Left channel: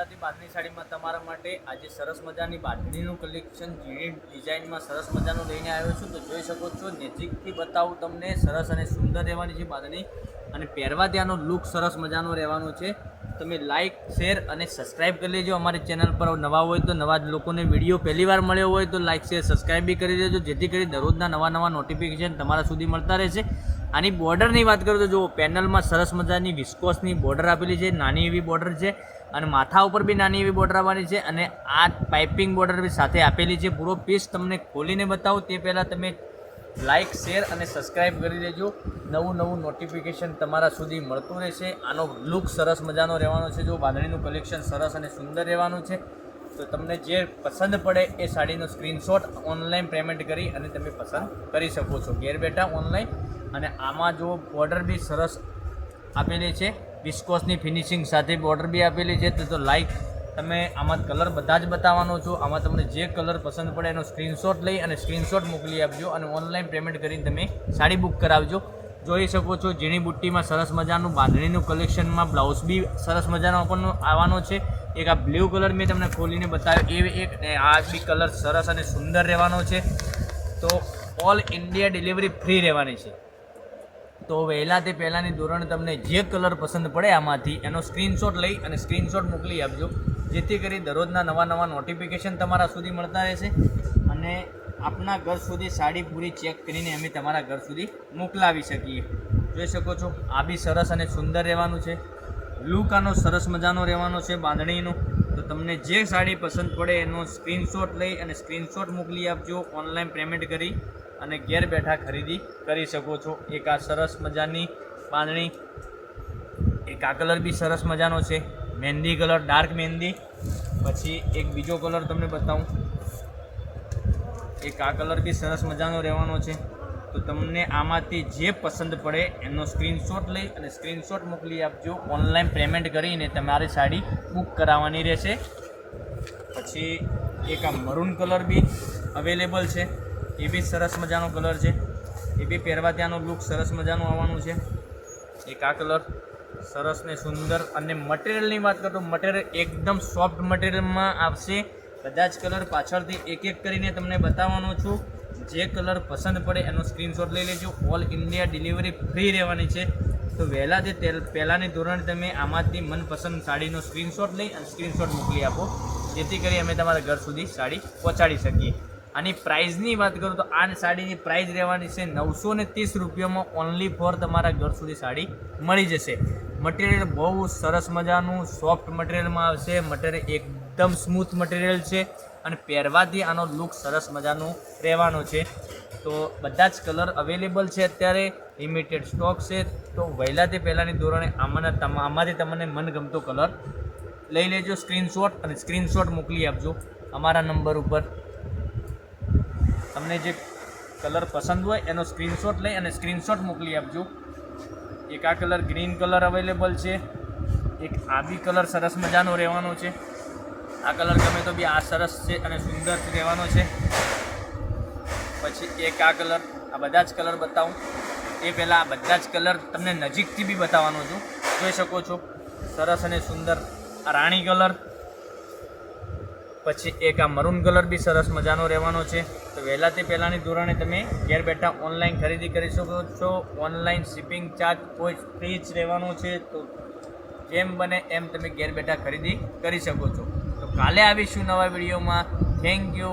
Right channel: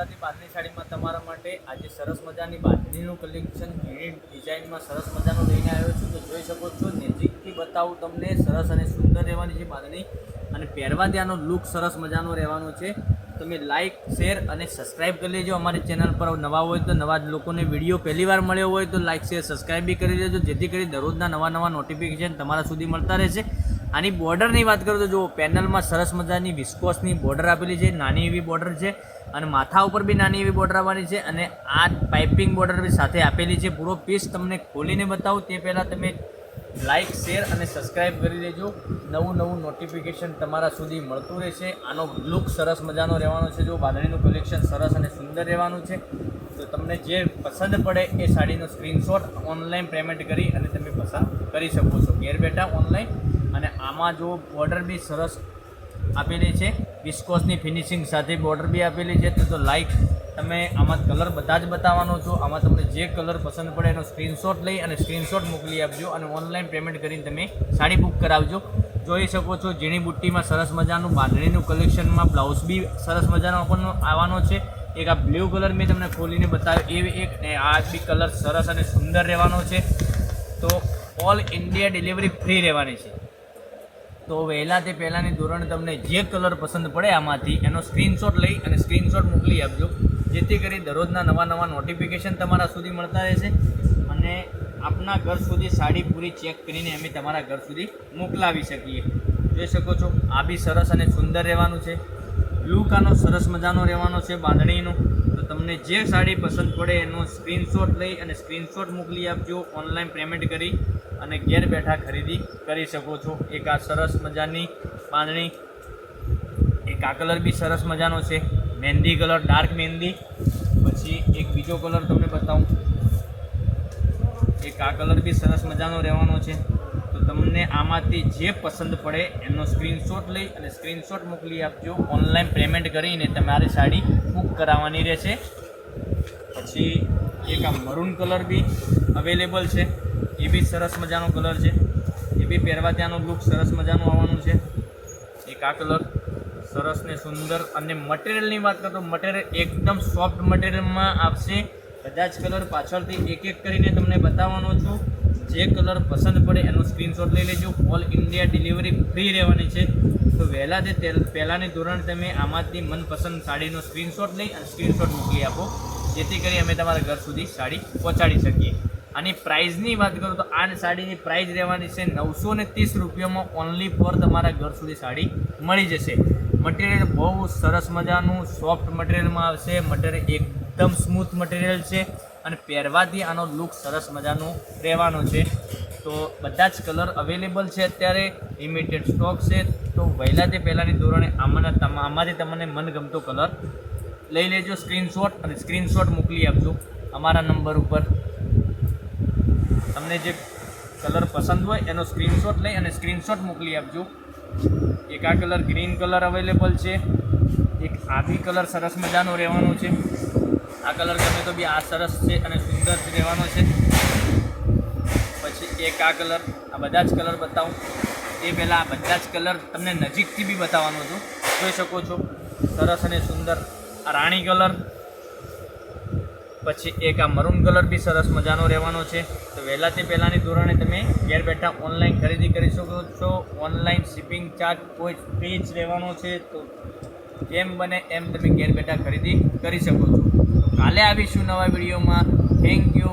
ગુજરાતી બાંધણી સાડીમાં તમારા માટે આજે સરસ મજાની બાંધણીનું કલેક્શન ઝીણી ડિઝાઇનમાં સરસ મજાનું લઈને આવ્યો છું. તો જોઈ શકો છો, નજીકથી બતાવું તમને. સરસ અને સુંદર રહેવાની છે બાંધણી અને પહેરવા ત્યાંનો લુક સરસ મજાનો રહેવાનો છે. તમે લાઇક, શેર અને સબસ્ક્રાઈબ કરી લેજો. અમારી ચેનલ પર નવા હોય તો નવા લોકોને વિડીયો પહેલીવાર મળ્યો હોય તો લાઇક, શેર, સબસ્ક્રાઈબ બી કરી દેજો, જેથી કરી દરરોજના નવા નોટિફિકેશન તમારા સુધી મળતા રહેશે. આની બોર્ડરની વાત કરું તો જુઓ, પેનલમાં સરસ મજાની વિસ્કોસની બોર્ડર આપેલી છે, નાની એવી બોર્ડર છે અને માથા ઉપર બી નાની એવી બોર્ડર આવવાની છે અને આ પાઇપિંગ બોર્ડર બી સાથે આપેલી છે. પૂરો પીસ તમને ખોલીને બતાવું તે પહેલાં તમે લાઇક, શેર અને સબસ્ક્રાઈબ કરી દેજો. નવું નોટિફિકેશન તમારા સુધી મળતું રહેશે. આનો લુક સરસ મજાનો રહેવાનો છે. જો બાંધણીનું કલેક્શન સરસ અને સુંદર રહેવાનું છે. તો તમને જે પસંદ પડે એ સાડીનો સ્ક્રીનશોટ ઓનલાઈન પેમેન્ટ કરી અને તમે પસંદ કરી શકો છો ઘેર બેઠા ઓનલાઈન. અને આમાં જો બોર્ડર બી સરસ આપેલી છે, વિસ્કોસની ફિનિશિંગ સાથે બોર્ડર બી આપેલી છે. તો લાઈક તમે આમાં કલર બધા જ બતાવવાનો છો. આમાં તમને જે કલર પસંદ પડે એનો સ્ક્રીનશોટ લઈ અને સ્ક્રીનશોટ મોકલી આપજો અને ઓનલાઈન પેમેન્ટ કરીને તમે સાડી બુક કરાવજો. જોઈ શકો છો, ઝીણી બુટ્ટીમાં સરસ મજાનું બાંધણીનું કલેક્શનમાં બ્લાઉઝ બી સરસ મજાનો આપણને આવવાનો છે. એક આ બ્લુ કલર મેં તમને ખોલીને બતાવ્યો એ એક, આ બી કલર સરસ અને સુંદર રહેવાનો છે. તો ઓલ ઇન્ડિયા ડિલિવરી ફ્રી રહેવાની છે. તો વહેલા તે પહેલાંની ધોરણે તમને જે કલર પસંદ પડે આમાંથી એનો સ્ક્રીનશોટ લઈ અને સ્ક્રીનશોટ મોકલી આપજો, જેથી કરી દરરોજના નવા નોટિફિકેશન તમારા સુધી મળતા રહેશે અને આપના ઘર સુધી સાડી પૂરી ચેક કરીને અમે તમારા ઘર સુધી મોકલાવી શકીએ. જોઈ શકો છો, આ બી સરસ અને સુંદર રહેવાનું છે. લુક આનો સરસ મજાનો રહેવાનો છે બાંધણીનો. તો તમને જે સાડી પસંદ પડે એનો સ્ક્રીનશોટ લઈ અને સ્ક્રીનશોટ મોકલી આપજો, ઓનલાઈન પેમેન્ટ કરી અને ઘેર બેઠા ખરીદી કરી શકો છો. એક આ સરસ મજાની બાંધણી, એક આ કલર બી સરસ મજાનો છે, મહેંદી કલર, ડાર્ક મહેંદી. પછી એક બીજો કલર તમને બતાવું, એક આ કલર બી સરસ મજાનો રહેવાનો છે. તો તમને આમાંથી જે પસંદ પડે એનો સ્ક્રીનશોટ લઈ અને સ્ક્રીનશોટ મોકલી આપજો, ઓનલાઈન પેમેન્ટ કરીને તમારે સાડી બુક કરાવવાની રહેશે. પછી એક આ મરૂન કલર બી અવેલેબલ છે, એ બી સરસ મજાનો કલર છે. એ બી પહેરવા ત્યાંનો લુક સરસ મજાનું આવવાનું છે. એક આ કલર સરસ ને સુંદર. અને મટીરિયલની વાત કરું તો મટીરિયલ એકદમ સોફ્ટ મટીરિયલમાં આવશે. કદાચ કલર પાછળથી એક કરીને તમને બતાવવાનો છું. જે કલર પસંદ પડે એનો સ્ક્રીનશોટ લઈ લેજો. ઓલ ઇન્ડિયા ડિલિવરી ફ્રી રહેવાની છે. તો વહેલા તે પહેલાંની ધોરણે તમે આમાંથી મનપસંદ સાડીનો સ્ક્રીનશોટ લઈ અને સ્ક્રીનશોટ મોકલી આપો, જેથી કરી અમે તમારા ઘર સુધી સાડી પહોંચાડી શકીએ. આની પ્રાઇઝની વાત કરું તો આ સાડીની પ્રાઇઝ રહેવાની છે 930 રૂપિયામાં. ઓનલી ફોર તમારા ઘર સુધી સાડી મળી જશે. મટીરિયલ બહુ સરસ મજાનું સોફ્ટ મટીરિયલમાં આવશે. મટીરિયલ એકદમ સ્મૂથ મટીરિયલ છે અને પહેરવાથી આનો લુક સરસ મજાનો રહેવાનો છે. તો બધા જ કલર અવેલેબલ છે અત્યારે, લિમિટેડ સ્ટોક છે. તો વહેલા તે પહેલાંની ધોરણે આમાંથી તમને મનગમતો કલર લઈ લેજો સ્ક્રીનશોટ અને સ્ક્રીનશોટ મોકલી આપજો અમારા નંબર ઉપર. તમને જે કલર પસંદ હોય એનો સ્ક્રીનશોટ લઈ અને સ્ક્રીનશોટ મોકલી આપજો. એક આ કલર ગ્રીન કલર અવેલેબલ છે. એક આ બી કલર સરસ મજાનો રહેવાનો છે. આ કલર ગમે તો બી આ સરસ છે અને સુંદર રહેવાનો છે. પછી એક આ કલર, આ બધા જ કલર બતાવું એ પહેલાં આ બધા જ કલર તમને નજીકથી બી બતાવવાનો છું. જોઈ શકો છો, સરસ અને સુંદર આ રાણી કલર. પછી એક આ મરૂન કલર બી સરસ મજાનો રહેવાનો છે. તો વહેલા તે પહેલાંની ધોરણે તમે ઘેર બેઠા ઓનલાઈન ખરીદી કરી શકો છો. ઓનલાઈન શિપિંગ ચાર્જ કોઈ ફ્રી જ રહેવાનો છે. તો જેમ બને એમ તમે ઘેર બેઠા ખરીદી કરી શકો છો. તો કાલે આવીશું નવા વિડીયોમાં. Thank you.